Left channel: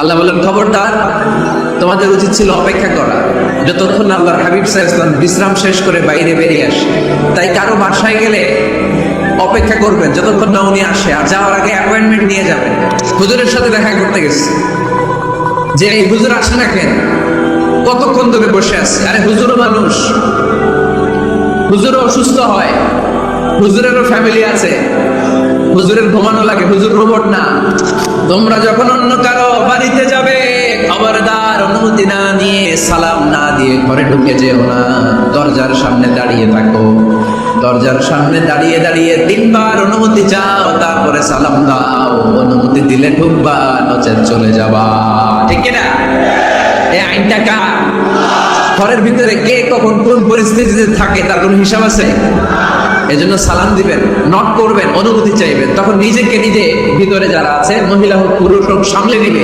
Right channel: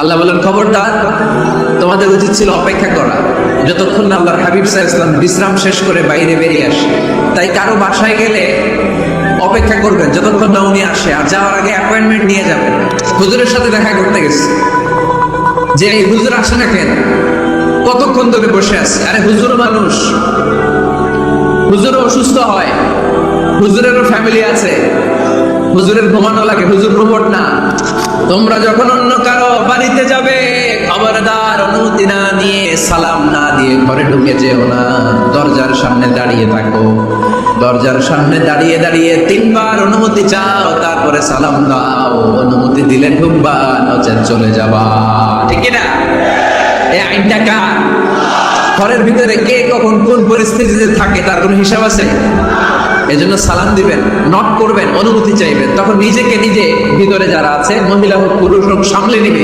আল্লাহ বলেন, খবরদার, তোমাদের উচিত ছিল অপেক্ষা করা যতক্ষণ না আল্লাহর হাবিব সাল্লাল্লাহু আলাইহি ওয়াসাল্লাম বিশ্রাম শেষ করে বাইরে বেরিয়ে আসে। তাই কারো বাসায় গেলে অপেক্ষা করবেন যতক্ষণ না উনি আসে, আর যাওয়ার আগে অ্যাপয়েন্টমেন্ট নিয়ে যাবেন। হুজুরের সাথে দেখা করতে গেছে, যে এই হুজুর আসে না কেন, কতক্ষণ তোকে বসে আছে? আরে হুজুর মানুষ, হুজুরও অসুস্থ হয়, হুজুরেরও ফ্যামিলি আছে, হুজুরের ঘুমানো লাগে, হুজুর রোবট না। তোমরা যখন অন্য কারো বাড়িতে যাবে, খবরদার অনুমতি না নিয়ে, সালাম না দিয়ে ঘরে ঢুকে যেও না। দরজার সামনে দাঁড়িয়ে থাকো, দরজার সামনে দাঁড়িয়ে দাঁড়িয়ে 3 বার অনুমতি চাও, তারপরে সালাম দাও। অনুমতি দিলে ঢুকবা, নচেত চলে যাবা। ঠিক না? এই আইনটা ঘরের ভিতরে কে কখন কোন পরিস্থিতিতে থাকে তার কোনো হিসাব আছে? এজন্য সালাম দিবেন, নক করবেন, অনুমতি চাইবেন, তখন নিজেকে নিজে ভিতরে যারা আছে, মহিলা হোক পুরুষ হোক, সামলে দিবে,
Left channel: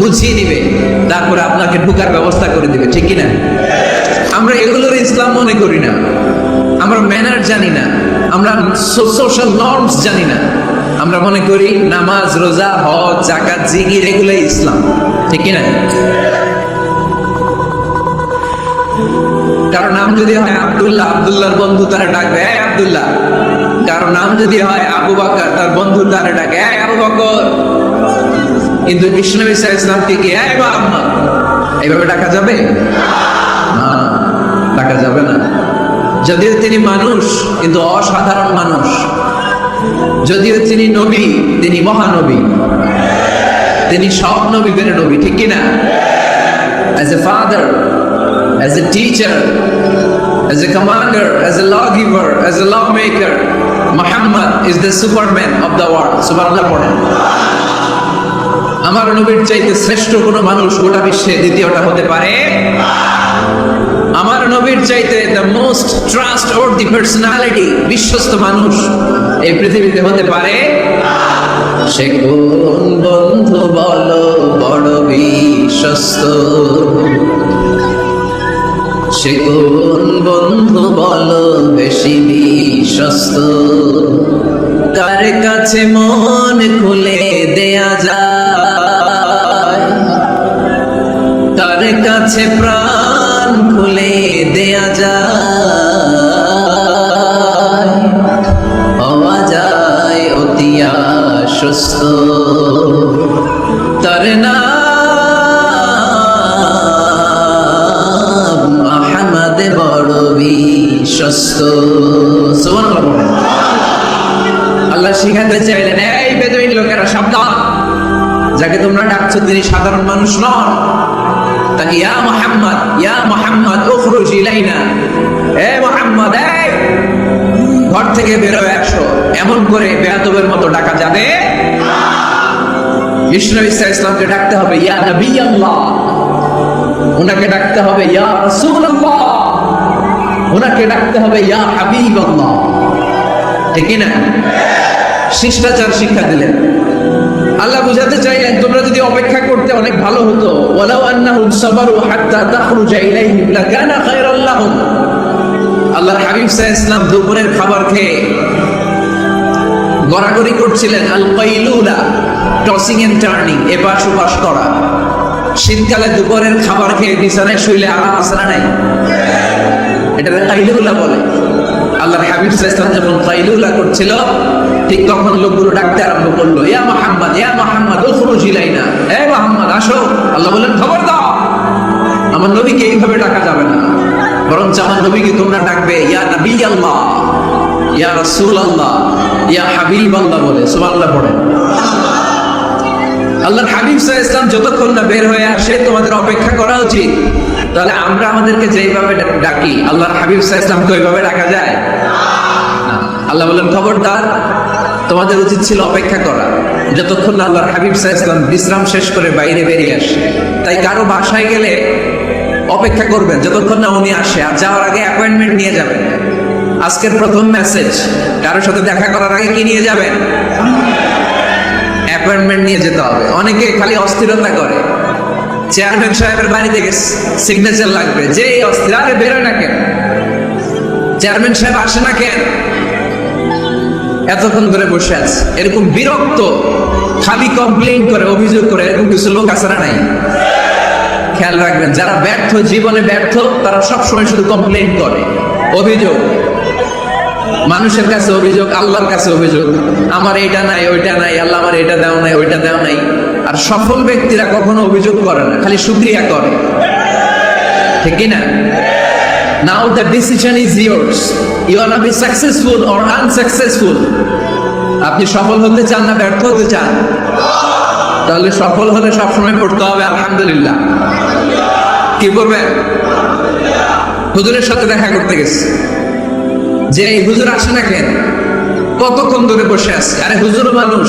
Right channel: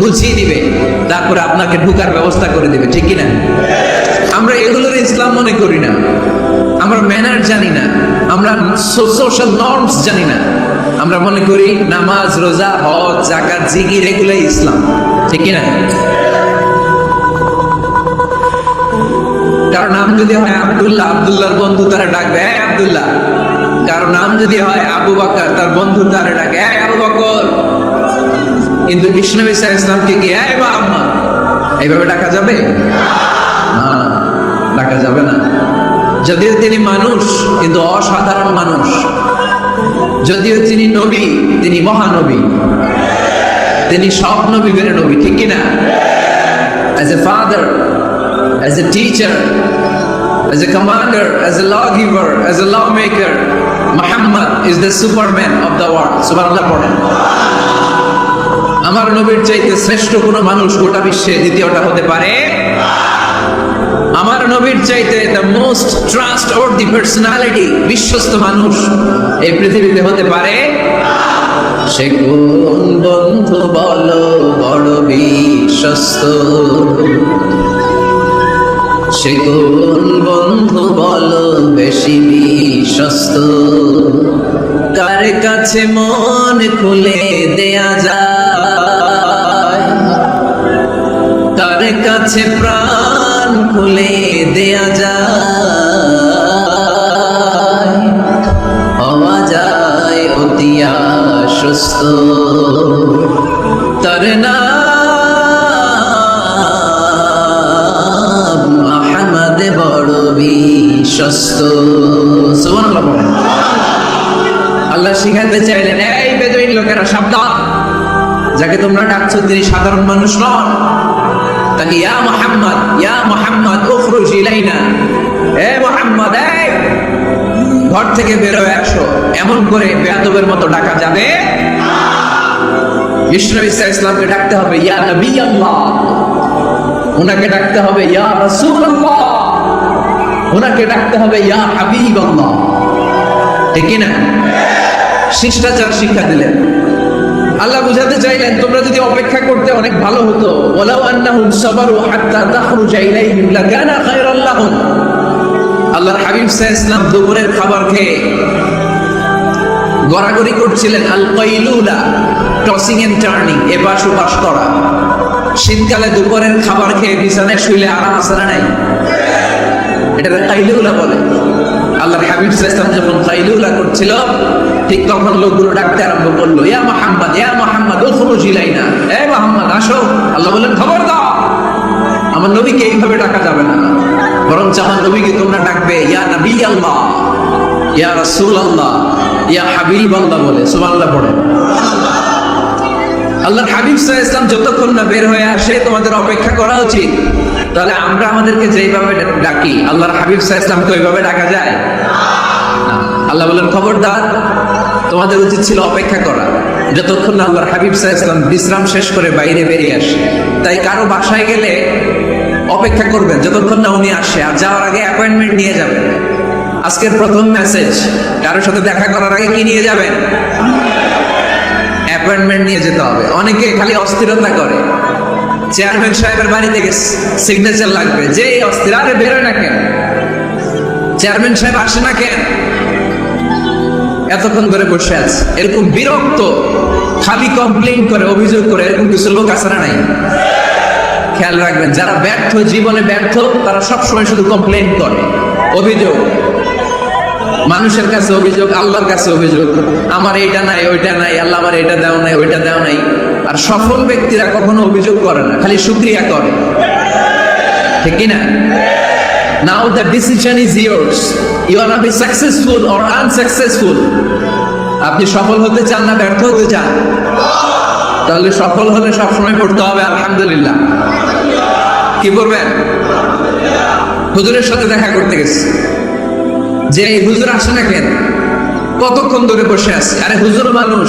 গুছিয়ে দিবে, তারপরে আপনাকে ঢুকার ব্যবস্থা করে দিবে। ঠিক কিনা? আমরা এগুলোর ইসলাম মনে করি না, আমরা ম্যানার জানি না, আমরা সোশ্যাল নর্মস জানি না। আমরা মনে করি নামাজ, রোজা, হজ, যাকাত, জিকির এগুলাই ইসলাম। ঠিক কিনা? কারো নাম যদি হয় আব্দুল্লাহ, আব্দুল্লাহর বন্ধু তারা ডাকবে এই আব্দুল্লাহ। কারো নাম যদি হয় আবু বকর, তার বন্ধু তারা ডাকে এই আবু বকর। কিন্তু বিষ্ণু ইসলামকে কি এই মুহাম্মদ এইভাবে ডাকা যাবে? না, ডাকা যাবে না। যদিও তিনি মানুষ, কিন্তু অসাধারণ মানুষ। যদিও তিনি নবী, তিনি মহানবী, তিনি সব নবীদের নবী। ঠিক কিনা? As a father, as a teacher, as a commander, as a lawgiver, as a lawmaker, Muhammad is the superman of the world. Subhanallah পড়েন। আমার নবীর চাইতে শ্রেষ্ঠ কোনো মানুষ গোটা বিশ্বে দ্বিতীয়টা হতে পারে? আমার নবীর চাইতে the most trustworthy personality, বিশ্বস্ত মানুষ এই পৃথিবীতে হতে পারে? সে কোন বন্ধু বলো বড় বিশ্বস্ত, সে কোন বন্ধু বলো বেশি বিশ্বস্ত, তার কাছে মন খুলে দেয়া যায়, তার কাছে প্রাণ খুলে দেয়া যায়, হওয়া যায় অতি আশ্বস্ত, তার নাম সুবহানাল্লাহ বলেন। আল্লাহ শিখাতে চাইলেন, এই বেদুইন লোকেরা সাবধান, যাকে তোমরা ডাকছো তিনি সাধারণ মানুষ নন। তাকে ইয়া মুহাম্মদ, ইয়া মুহাম্মদ উখরুজ ইলাইনা, হে মুহাম্মদ, এই ঘর থেকে বের হয়ে আসো। এমন করে বেয়াদবের মতো ডাকা যাবে? বিষ্ণু ইসলামকে ডাকতে হবে ইয়া নবী আল্লাহ, ওনাকে ডাকতে হবে ইয়া রাসূলুল্লাহ, ওনাকে ডাকতে হবে ইয়া হাবিবাল্লাহ। ঠিক না? শিষ্টাচার শিক্ষা দিলেন। আল্লাহ বুঝাতে চাইলেন, তোমরা যদি অপেক্ষা করতে অনেক ভালো হতো। ওয়ালাউ আন্নাহুম সাবারু হাত্তা তাখরুজা ইলাইহিম লাকানা খায়রান লাহুম। আল্লাহর হাবিব সাল্লাল্লাহু আলাইহি ওয়াসাল্লাম দুপুরের খাবার খেয়ে গড়াগড়ি করছিলেন। আল কাইলুলা, টসিং এন্ড টার্নিং, এপাশ ওপাশ করা। শীতকালে দুপুরের খাবার খেয়ে বিছানায় শুইলে আরাম আছে না নাই? এটা কাইলুলা বলে। আল্লাহর হাবিব সাল্লাল্লাহু আলাইহি ওয়াসাল্লাম যখন কাইলুলা করছিল, ঠিক তখন লোকগুলো ডাকতে আরম্ভ করলো, ইয়া মুহাম্মদ, ইয়া মুহাম্মদ উখরুজ ইলাইনা, হে মুহাম্মদ আসো। আল্লাহ বলেন, খবর দাও, আমার নবীকে এইভাবে ডাকা যাবে না, বরং আমার নবীকে তোমরা ডাকবে ইয়া নবী আল্লাহ, ইয়া রাসূলুল্লাহ, ইয়া হাবিবাল্লাহ বলে। সুবহানাল্লাহ পড়েন। আল্লাহর হাবিব সাল্লাল্লাহু আলাইহি ওয়াসাল্লাম যতক্ষণ না বের হয়ে আসে তোমাদের অপেক্ষা করা উচিত। তাহলে আমরা আমাদেরকে যেইভাবে ডাকি, আল্লাহর হাবিব সাল্লাল্লাহু আলাইহি ওয়াসাল্লামকে ওইভাবে ডাকা যায় না। আল্লাহ বলেন, খবরদার, তোমাদের উচিত ছিল অপেক্ষা করা যতক্ষণ না আল্লাহর হাবিব সাল্লাল্লাহু আলাইহি ওয়াসাল্লাম বিশ্রাম শেষ করে বাইরে বেরিয়ে আসে। তাই কারো বাসায় গেলে অপেক্ষা করবেন যতক্ষণ না উনি আসে, আর যাওয়ার আগে অ্যাপয়েন্টমেন্ট নিয়ে যাবেন। আজকের প্রথম মেসেজ, কারোর সাথে দেখা করার আগে কি নিয়ে যাবেন? অ্যাপয়েন্টমেন্ট নিয়ে যেতে হবে। অনেকে খালি অস্থিরতা করে, চেয়ারম্যান সাহেবের বাড়ি থেকে সিগনেচার লাগবে, যে অস্থির, আরে বেরোয় না কেন? চেয়ারম্যান সাহেব আসে না কেন? এতক্ষণ ধরে বসে আছে, এরকম বিরক্ত খালি কমপ্লেন করে, অভিযোগ করে, এরকম কিছু লোক আছে না নাই? খেয়াল রাখবেন, যারা ব্যর্থ, জীবনে ব্যর্থ, তারা সবসময় শুধু কমপ্লেন করে, অভিযোগ। মানুষের কাছে অভিযোগ, আল্লাহর কাছে অভিযোগ, আমার এটা নাই, ওইটা নাই, আল্লাহ আমার এটা দেও নাই, ওইটা দেও নাই। আর সফল ব্যক্তিরা কখনো অভিযোগ করে না, খালি শুকরিয়া করে, ঠিক কিনা? Now the decision is yours. You are not be successful or unsuccessful. আপনি সফল হতে চান না ব্যর্থ হতে চান? তাহলে সফল হলে সবসময় পড়তে হবে আলহামদুলিল্লাহ। কি করবেন? হুজুরের সাথে দেখা করতে গেছে, যে এই হুজুর আসে না কেন, কতক্ষণ ধরে বসে আছে। আরে হুজুরও মানুষ,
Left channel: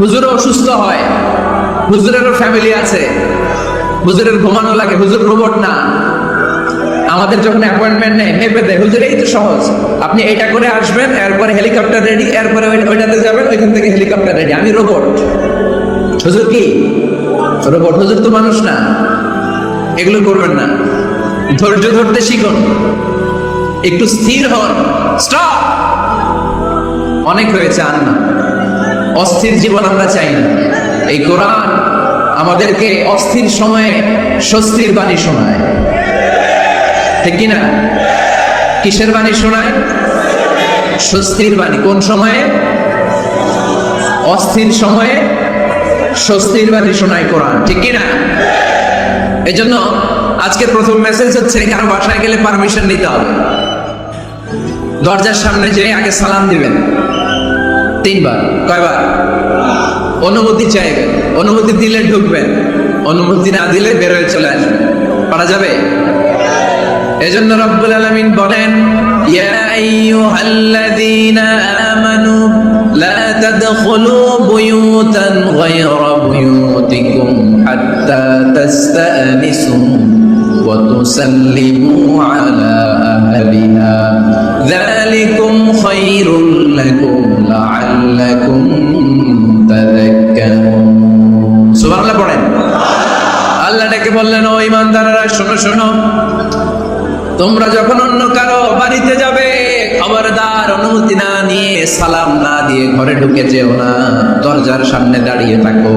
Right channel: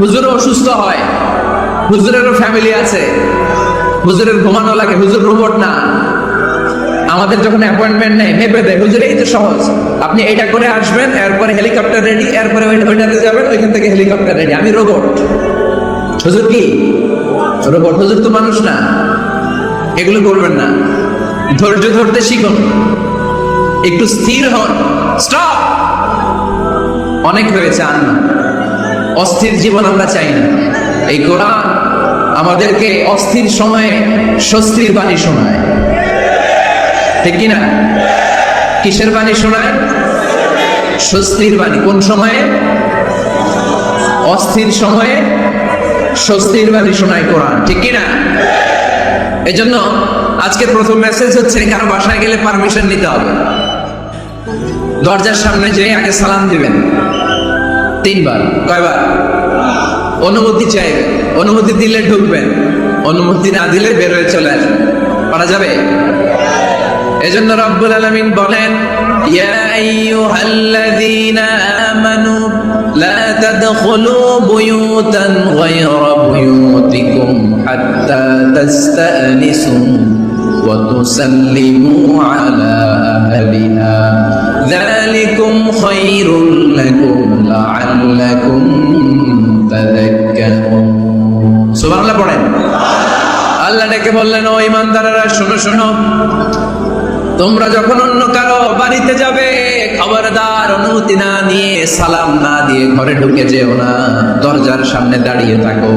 হুজুরও অসুস্থ হয়, হুজুরেরও ফ্যামিলি আছে, হুজুরের ঘুমানো লাগে, হুজুর রোবট না। আমাদের যখন অ্যাপয়েন্টমেন্ট নেই ভেবে দেয় হুজুর এই তো সহজ, আপনি এটা করে আসবেন, এরপরে হেলিকপ্টার রেডি, এরপরে ওইটাতে যাবেন, ওইখান থেকে হেলিকপ্টার রেডি। আমি রোবট, হুজুর কি রোবট? হুজুর তো মানুষ না। এগুলো করবেন না, ধৈর্য ধরতে শিখুন, একটু স্থির হন। স্টপ, অনেক হয়েছে, আর না। অস্থির জীবন আমরা চাই না। এই কোরআন আমাদেরকে অস্থির সময়ে স্বস্তির বাণী শোনায়, ঠিক কিনা? কিসের বাণী শোনায়? স্বস্তির বাণী। কোন সময়ে? অস্থির সময়ে স্বস্তির বাণী শোনায় কোরআন, ঠিক কিনা? এই জন্য আজকের প্রথম মেসেজ হচ্ছে, কারো বাসায় গেলে পারমিশন নিতে হবে। দরজার সামনে যেয়ে আগে সালাম দিবেন 3 বার। কয়বার? অনুমতি চাইবেন, অনুমতি দিলে ঢুকবেন, অনুমতি না দিলে বের হয়ে চলে আসবেন। পারা যাবে? এজন্য রব্বুল আলামিন বলেন, ইয়া আইয়ুহাল্লাযীনা আমানু লা তাদখুলু বুয়ুতান গায়রা বুয়ুতিকুম হাত্তা তাস্তানিসু ওয়া তুসাল্লিমু আলা আহলিহা যালিকুম খায়রুল লাকুম লাআল্লাকুম তাযাক্কারুন। সুবহানাল্লাহ পড়েন। আল্লাহ ডেকে বললেন, ও ঈমানদারেরা শোনো শোনো, তোমরা যখন অন্য কারো বাড়িতে যাবে, খবরদার অনুমতি না নিয়ে, সালাম না দিয়ে ঘরে ঢুকে যেও না। দরজার সামনে দাঁড়িয়ে থাকো,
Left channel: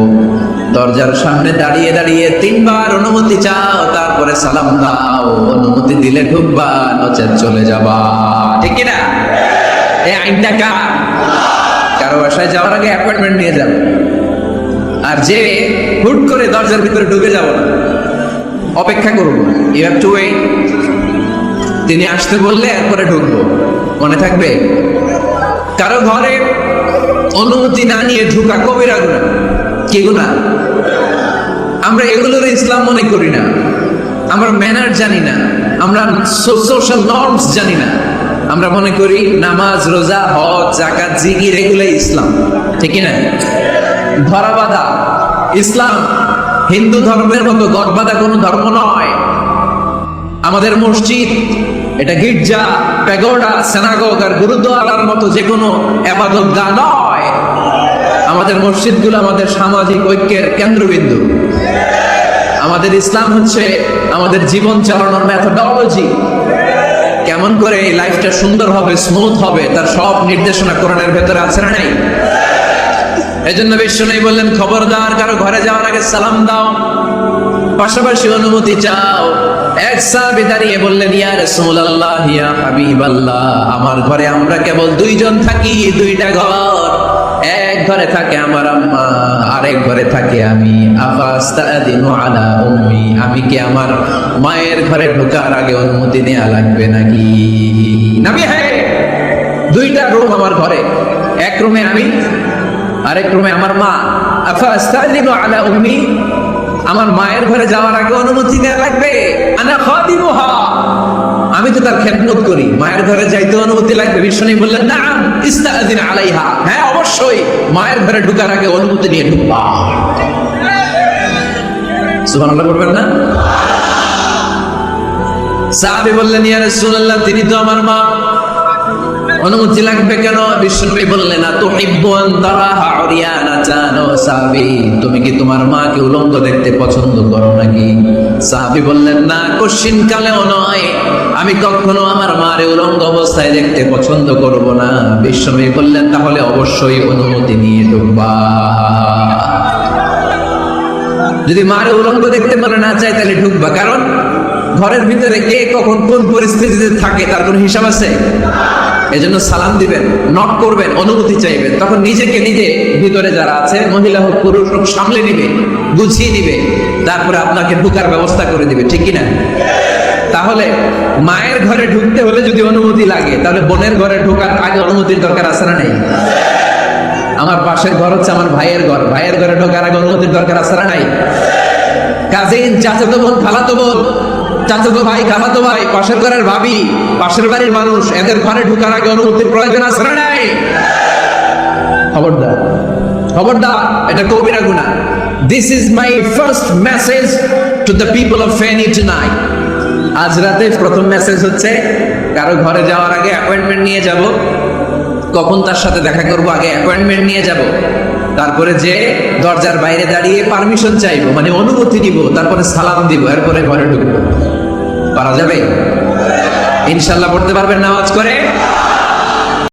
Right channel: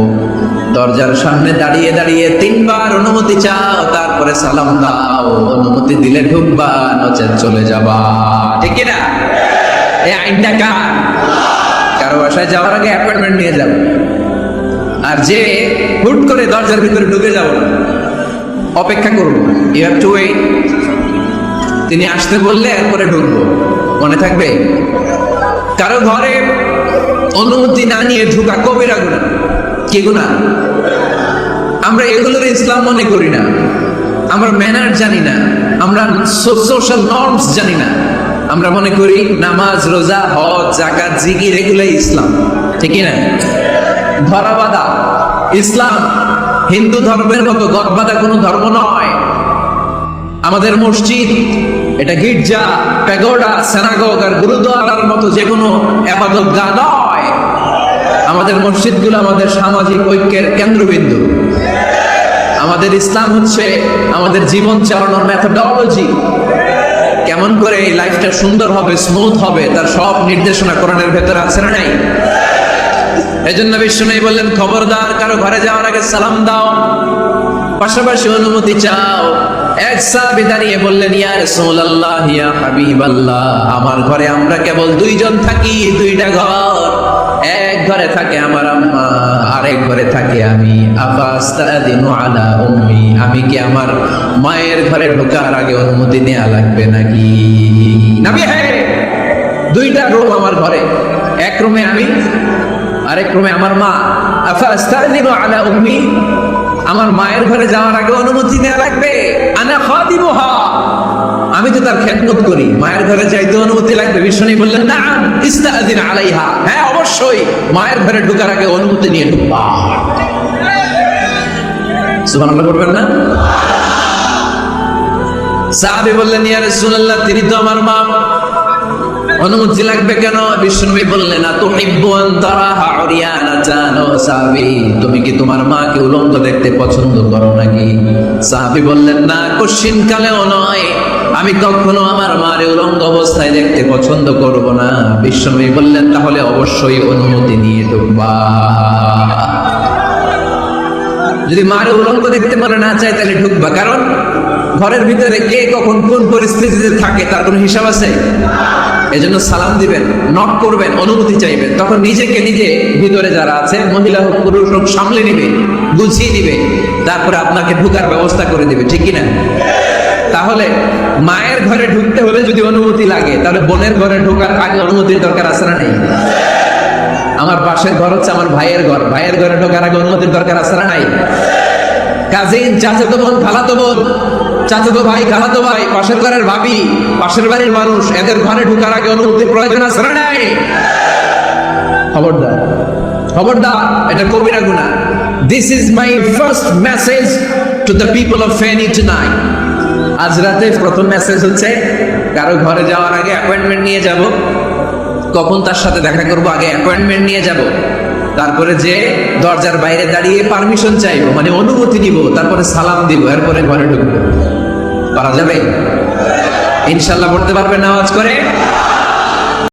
দরজার সামনে দাঁড়িয়ে দাঁড়িয়ে 3 বার অনুমতি চাও, তারপরে সালাম দাও। অনুমতি দিলে ঢুকবা, নচেত চলে যাবা, ঠিক না? এই আইনটা কার? কারো বাসায় যাওয়ার আগে অ্যাপয়েন্টমেন্ট নিয়ে যাও। আর যে হুট করে দরজার ভিতরে ঢুকে যাবো না, অপেক্ষা করুন, ইউ হ্যাভ টু ওয়েট। তিনি আসতে বললে এরপরে ঢুকবো, মনে থাকবে? কারো ঘরে অনুমতি না নিয়ে ঢোকা কবিরা গুনাহ। কি গুনাহ? আমরা এগুলোকে ইসলাম মনে করি না, আমরা ম্যানার জানি না, আমরা সোশ্যাল নর্মস জানি না। আমরা মনে করি নামাজ, রোজা, হজ, যাকাত, জিকির এগুলো ইসলাম, ঠিক না? ধরাবাঁধা ইসলাম হিন্দু ধর্মের মতো ধর্মবাদা কোনো ধর্ম নয়। আমাদের মসজিদ এটা গির্জা, প্যাগোডা, সিনাগগ আর গুরুদ্বারার মতো যে কোনো ইবাদতগাহ নয়। আমাদের মসজিদগুলো আমাদের সামাজিক ঐক্যের কেন্দ্রবিন্দু। আমাদের ইসলাম হচ্ছে আমাদের জীবন চালানোর মেথোডোলজি। কেমন করে এই লাইফটা সুন্দর হবে, স্মুথ হবে, তার সব নির্দেশনা কোরআনের ভেতরে আছে না নাই? এজন্য বিশ্বনবী বললেন, খবরদার কারো ঘরে যাওয়ার আগে সালাম দাও, পাশাপাশি অনুমতি চাও। এক সাহাবী দাঁড়িয়ে বললেন, ইয়া রাসূলুল্লাহ, ইয়া হাবিবাল্লাহ, আমার ঘরে আমরা কেবল 2 জন থাকি, 2টা ঘর। এক ঘরে থাকে আমার আম্মা, আরেক ঘরে থাকি আমি। আফাস্তাদিনু আলা উম্মি, আমি কি আমার মায়ের ঘরে ঢোকার আগে অনুমতি নেওয়া লাগবে নাকি? নবী, হ্যাঁ, 2টা রুম আমার ঘরে, এক রুমে আমি, আরেক রুমে আমার মা। আফাস্তাদিনু আলা উম্মি, আমার মায়ের ঘরে যাওয়ার আগে অনুমতি নেওয়া লাগবে? আনা খাদিমুহা, আমি তো তার খেদমত করি, মায়ের ঘরে যাইতে অনুমতি লাগবে? বিশ্বনবী বললেন, না, ইস্তাযিন আলাইহা, হ্যাঁ অবশ্যই মায়ের ঘরে ঢোকার আগে অনুমতি নিয়ে ঢুকবা। সুবহানাল্লাহ বলবেন না? সাহাবী বললেন, ইয়া রাসূলুল্লাহ, তিনি তো আমার মা, অনুমতি লাগবে কেন? বিশ্বনবী বললেন না তুহিব্বুন তারা উরিয়ানাতান ও সাহাবী, তুমি কি তোমার মাকে উলঙ্গ দেখতে পছন্দ করো নাকি? সাহাবী বললেন না, কোশ্চিন কালেও নয়, আমি কখনো আমার মারে উলঙ্গ অবস্থায় দেখতে পছন্দ করব না। বিশ্বনবী বললেন তাহলে অবশ্যই অনুমতি নিয়ে ঢুকবা। যদি মারে উলঙ্গ দেখতে পারে না চায় তাহলে ঢুকবা, কারণ ঘরের ভিতরে কে কখন কোন পরিস্থিতিতে থাকে তার কোনো হিসাব আছে? এজন্য সালাম দিবেন, নক করবেন, অনুমতি চাইবেন, তখন নিজেকে নিজে ভিতরে যারা আছে মহিলা হোক পুরুষ হোক সামলে দিবে, গুছিয়ে দিবে, তারপরে আপনাকে ঢোকার ব্যবস্থা করে দিবে, ঠিক কিনা? তাহলে মায়ের ঘরে ঢুকতে হলে যদি অনুমতি লাগে, তাহলে বোনের ঘরে ঢোকার আগে অনুমতির দরকার আছে না নেই? আমার পাশের ঘর হচ্ছে আমার ভাইয়ের ঘর, ভাইয়ের ঘরে ঢোকার আগে অনুমতির দরকার আছে না নাই? কাজিন, চাচাতো বোন, খালাতো বোন, চাচাতো ভাই, খালাতো ভাই, পাশের ঘরের ভাবি, পাশের বাড়ির মানুষ, এদের ঘরে ঢোকার আগে অনুমতির প্রয়োজন আছে না নাই? খবরদার, খবরদার, এটা কবিরা গুনাহ। This is my first message to the people of Feni tonight. আজ রাতে প্রথম মেসেজ হচ্ছে, কারো ঘরে যাওয়ার আগে অ্যাপয়েন্টমেন্ট নিয়ে যাব। কখন তার সাথে দেখা করবো আগে অ্যাপয়েন্টমেন্ট নিয়ে যাব, তারপরে যে দরজার বাইরে দাঁড়িয়ে পারমিশন চাইবো, মানে অনুমতি নিব, তারপরে সালাম দিব, এরপরে ঘরে ঢুকবো। পারা যাবে? ইনশাআল্লাহ পড়তে পারবেন নামাজ করে?